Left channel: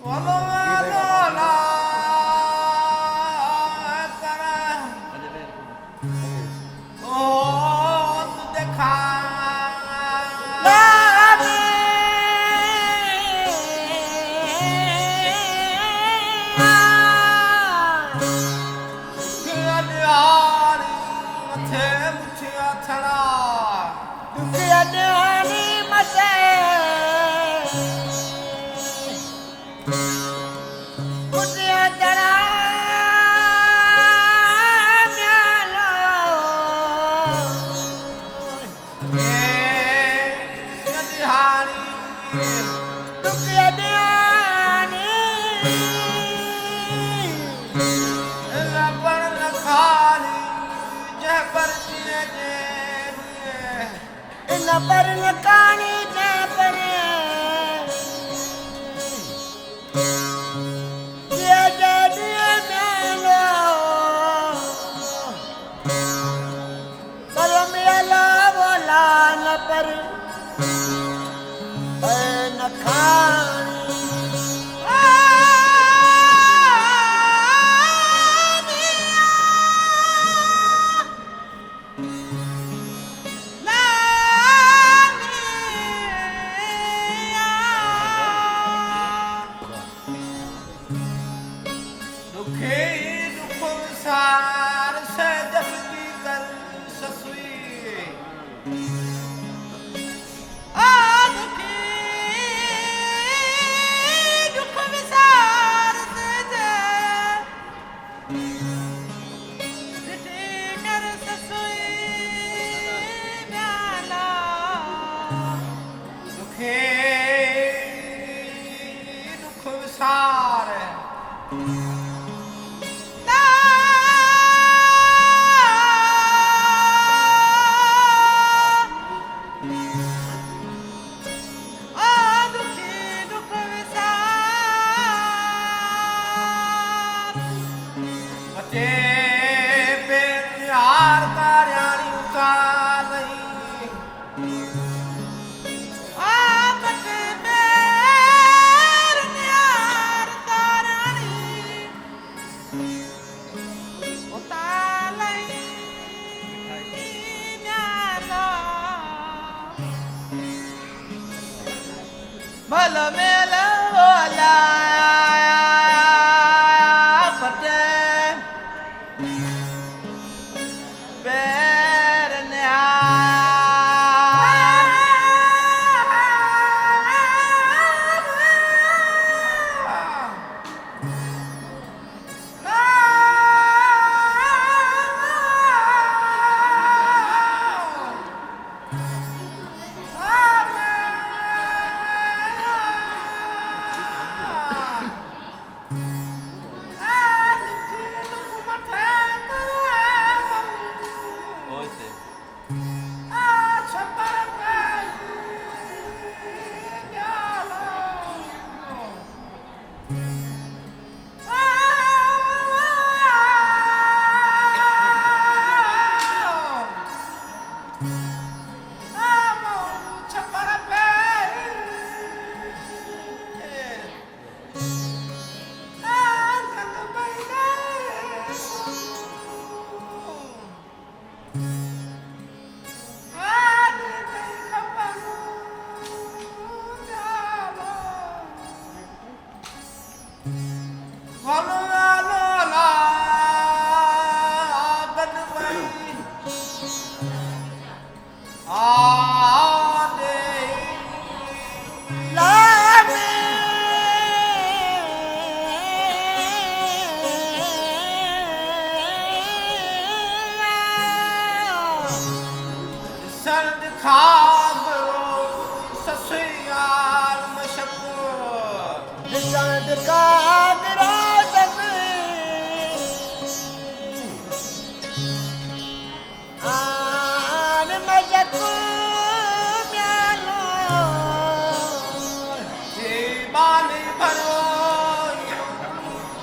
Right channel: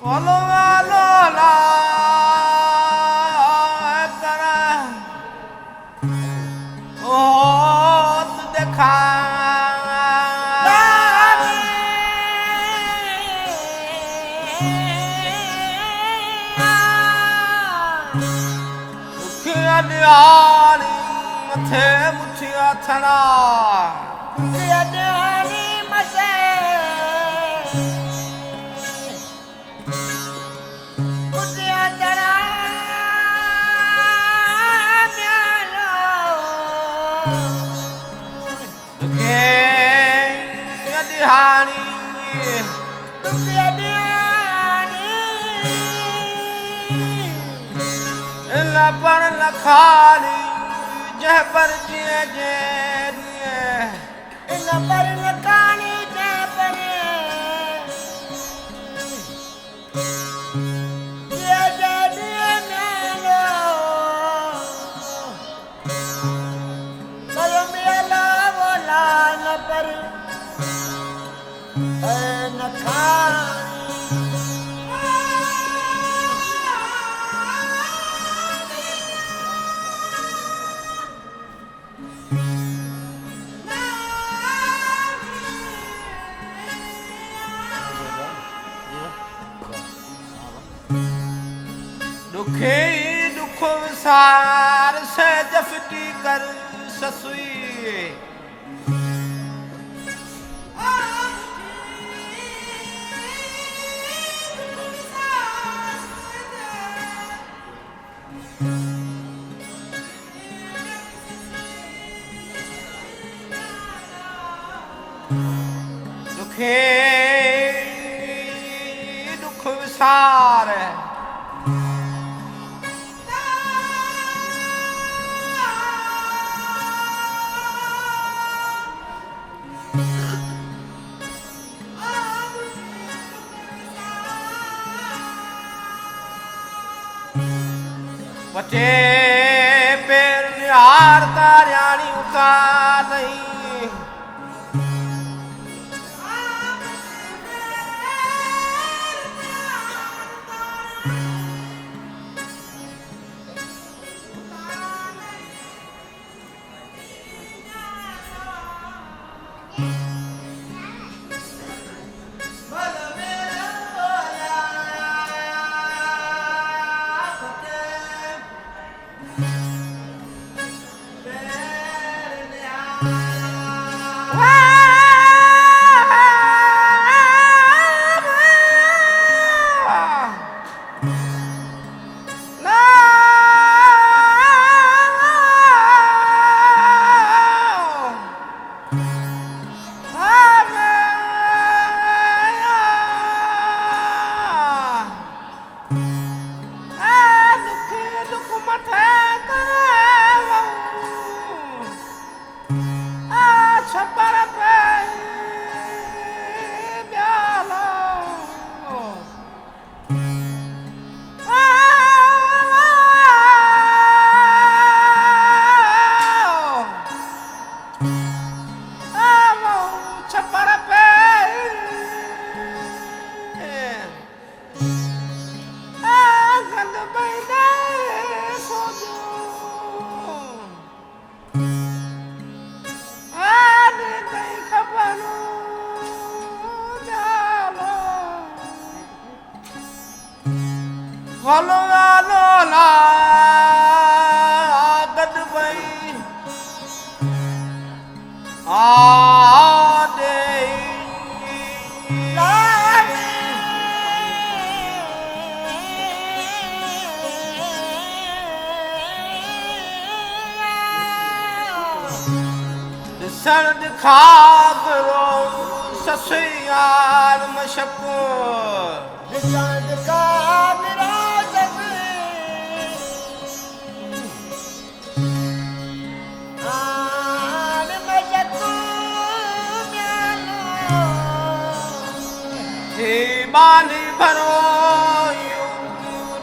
वालो वालो ला कर ओ तू देखा मथे मुठिया थड़ा दुखिया ॾियारी मथे मुठिया थड़ा म्यालो दिहाड़ी दुखिया ॾियारी लपड़ लखाली जह पर जिए जे इन पर नकानी जे पर जे जे दिए म्यालो पर म्यालो बोला न पर नखानी दुखे दुख विसार से जफती कर ससुई दुखे दुख विसार बचे पेर निहार तारियाणी उतार नहीं भल मेल ओला फटे पैर वालो वालो ला गद भई आदे लागे सर्द खागरो ससुयाल मशक दिसंद कागरा सके आन मजकू म्यालो हे बाली भरो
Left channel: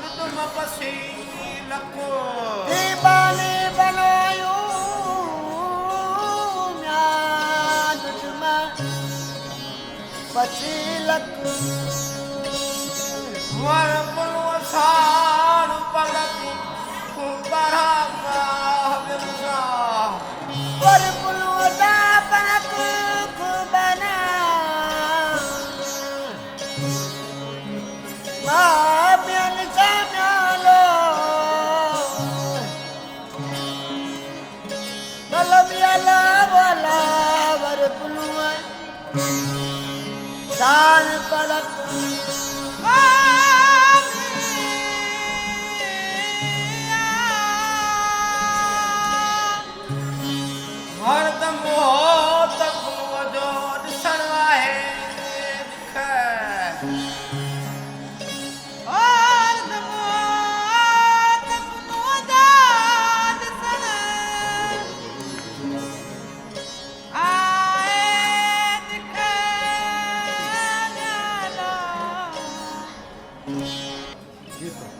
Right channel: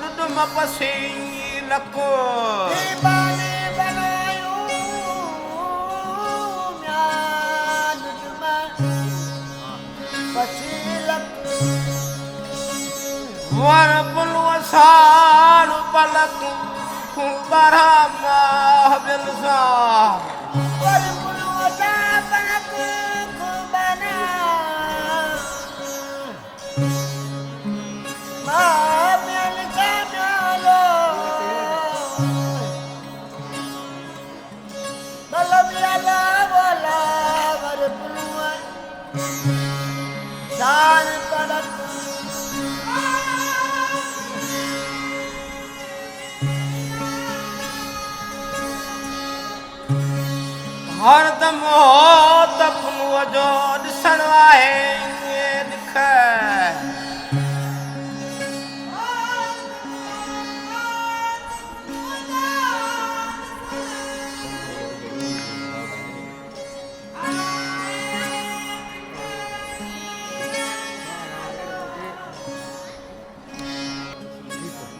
रुदम पसी लको दीवाने बनायो म्याद में पसीलक वर पुलव साल पलक खुबरा महबिल सा वर पुलव सा पलक खुबना महबिल सा म्यालो बलबियाला वाला वर पुलव साल पलक हरदम हो तखनु जो ॾिसण आहे दिख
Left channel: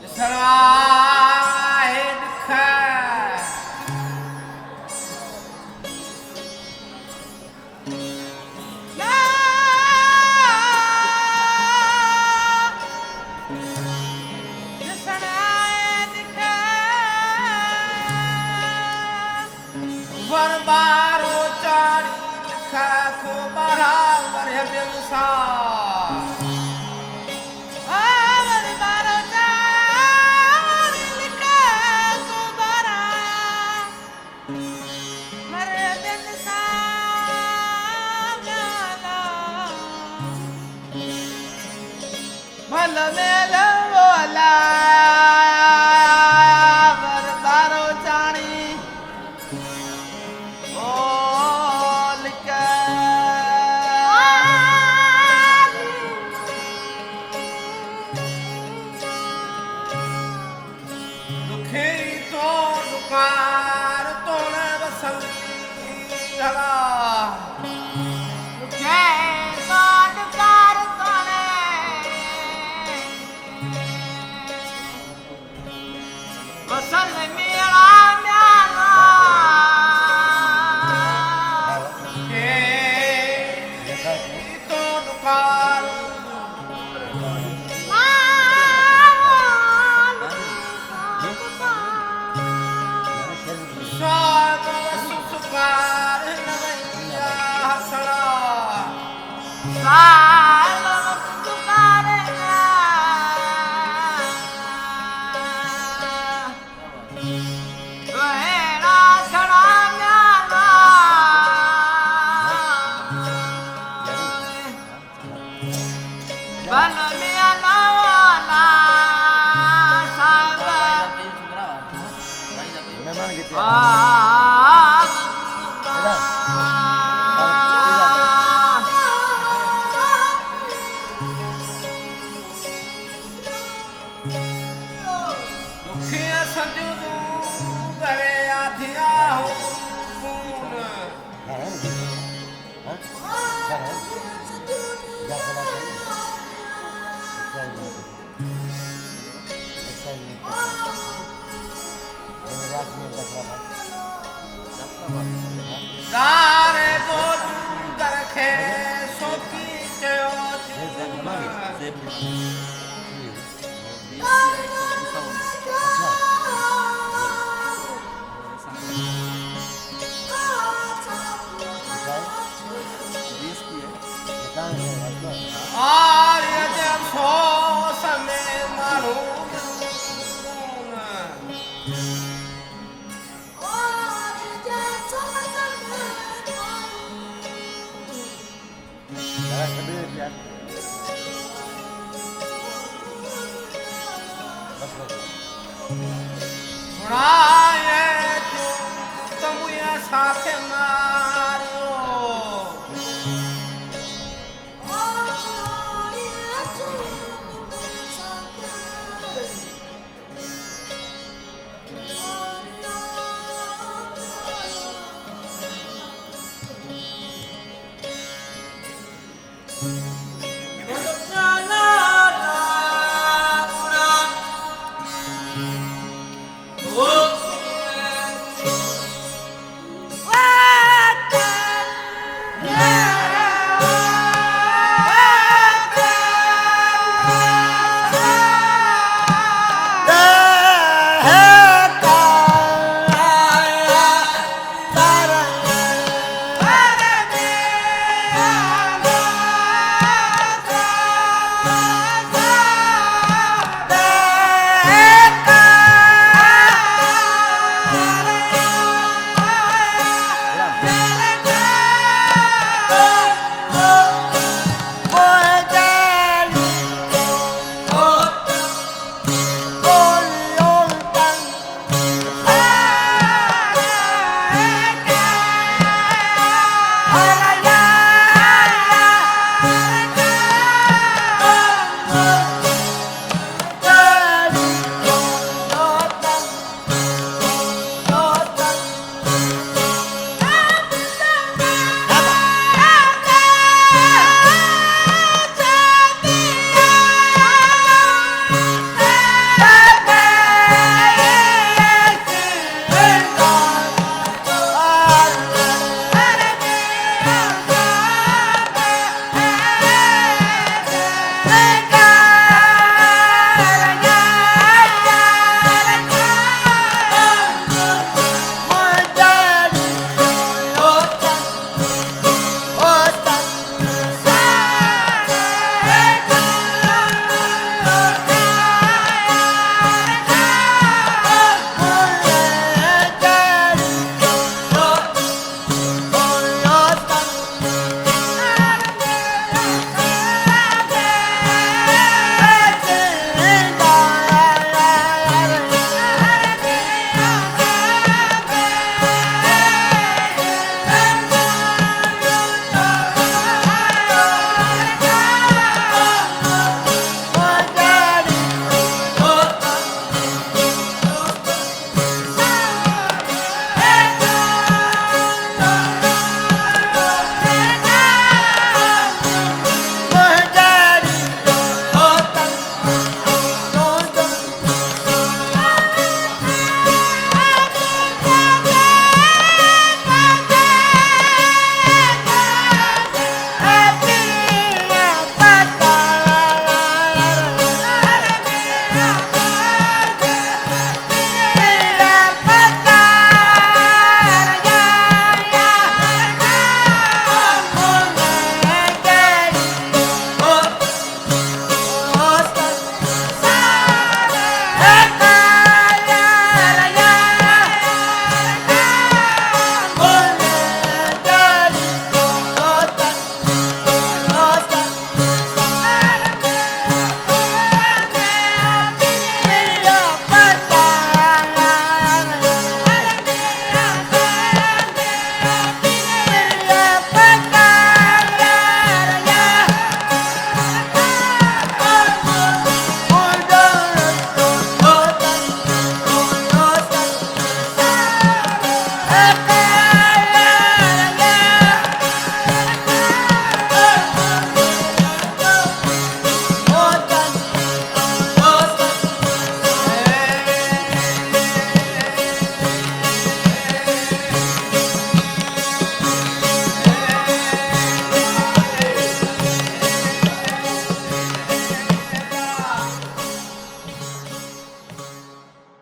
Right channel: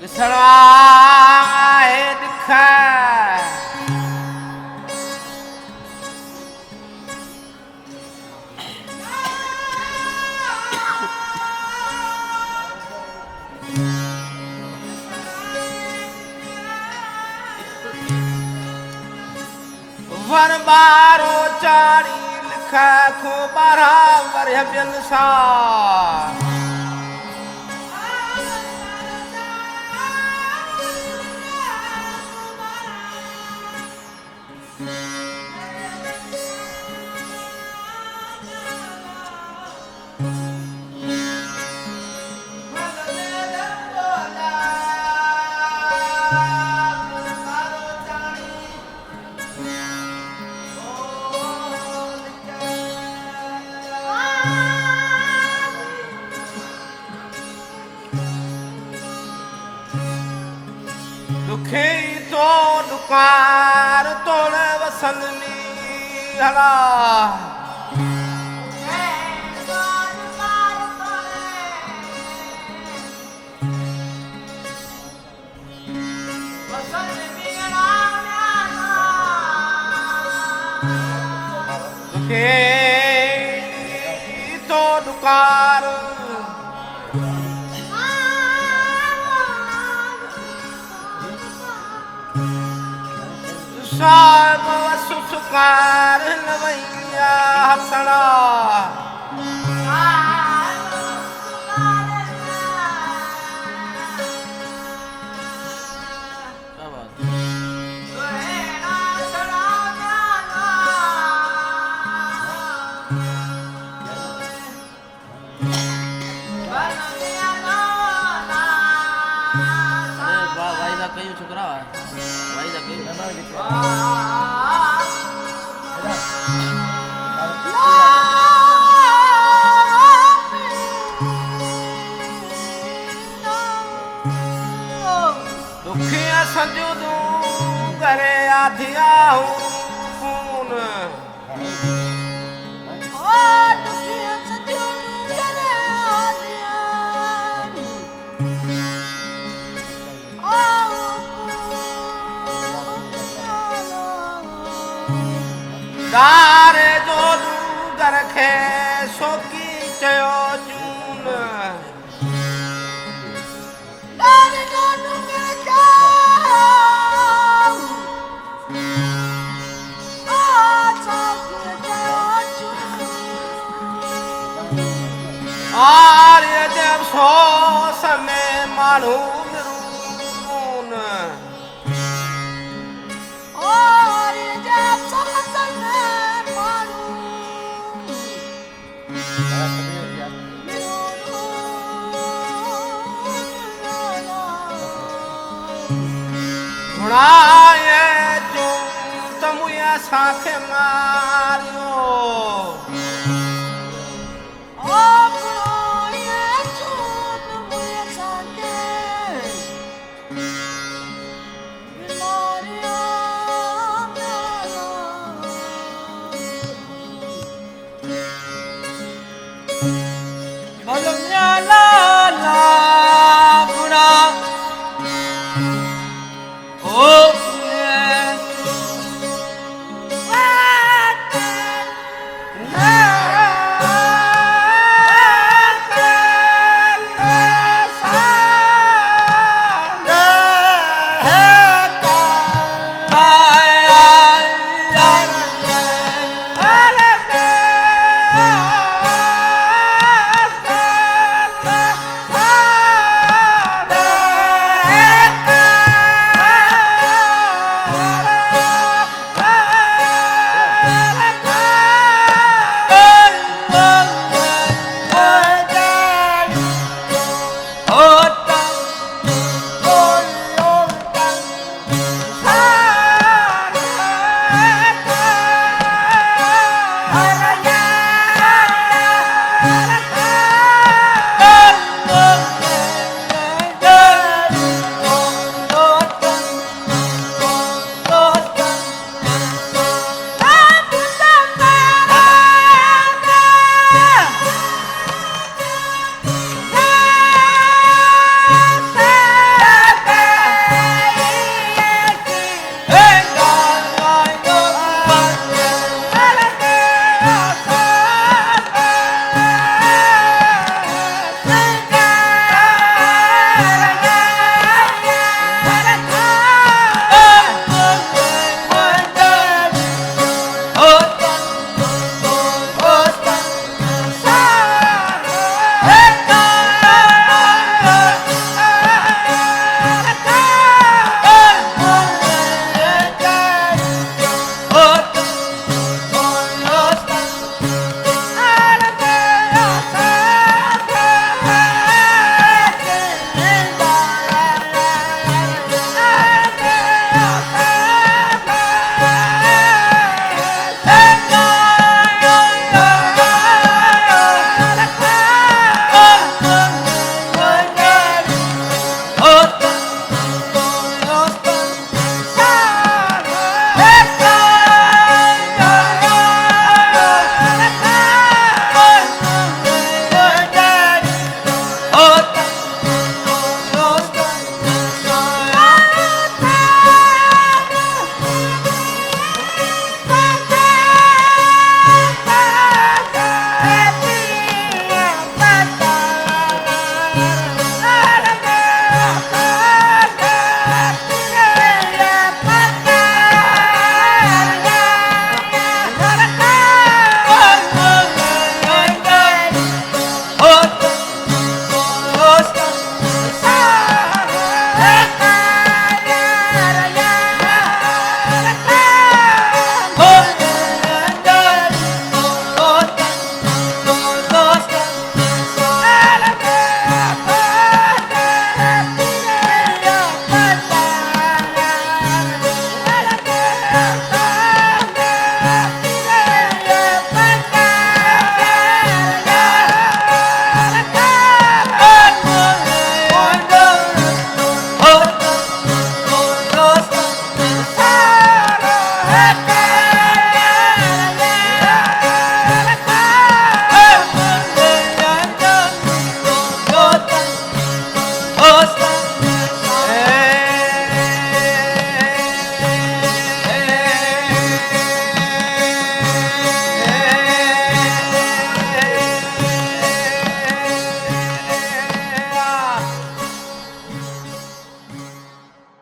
ॾिसण आहे दिख वर बारो चारी लिखा खो बारा वर बिन सा दुखे तो दुकार तोड़े वसलनी हला दुखे तो दुकार साब वसु सुकार नवैया हसड़ा memang gitu ya. दुखिया संजूदू करे आधिया खून दारे जो घर खे सोकी चयो चून आर्य जब सो समय मानू घुड़ाए चूं तमुया साथे मारियो